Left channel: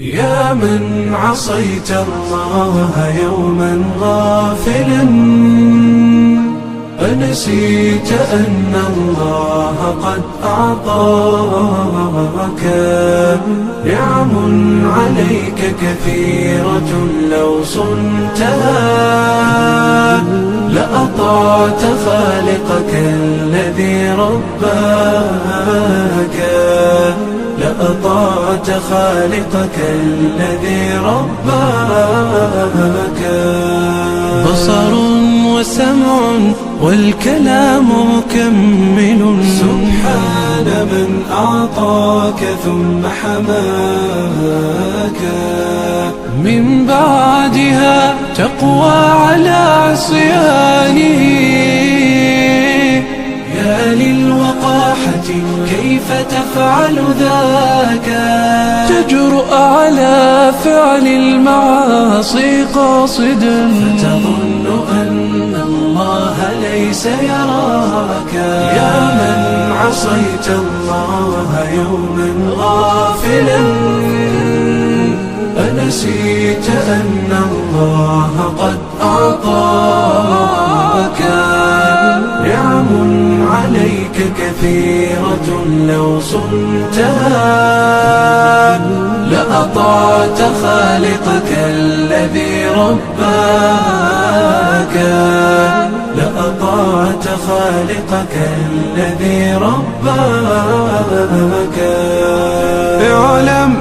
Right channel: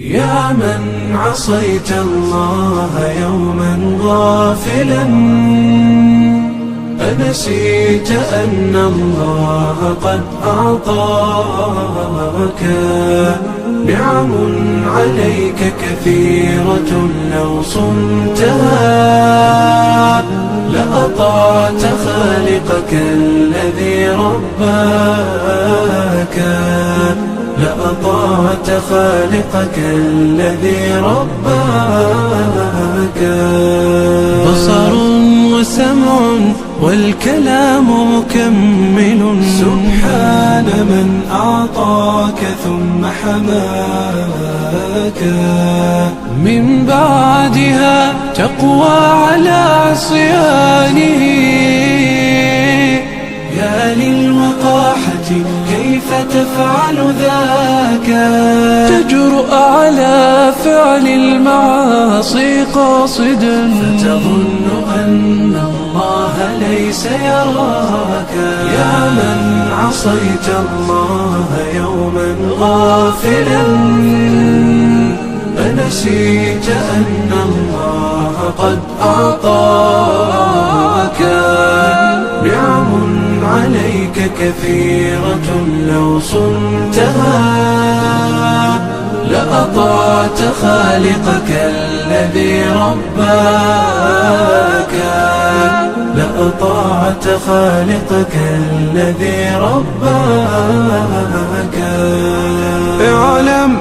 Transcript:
يا من عصيت الله يوما غافلا، أنسيت أن الله قد أعطاك نعم عليك كثيرة، لو صنتها لأطعت خالقك الذي رباك، لأطعت خالقك الذي رباك. بصر وسمع والكلام مكمل، سبحان من أعطاك ثم حماك. من بعدها تقوى على عصيانه، يا للوقاحة كيف تفعل ذاك؟ تجرؤ على فعل المعاصي قاصدا، فتظن أن الله ليس يراك. يا من عصيت الله يوما غافلا، أنسيت أن الله قد أعطاك نعم عليك كثيرة، لو صنتها لأطعت خالقك الذي رباك، لأطعت خالقك الذي رباك. اعلم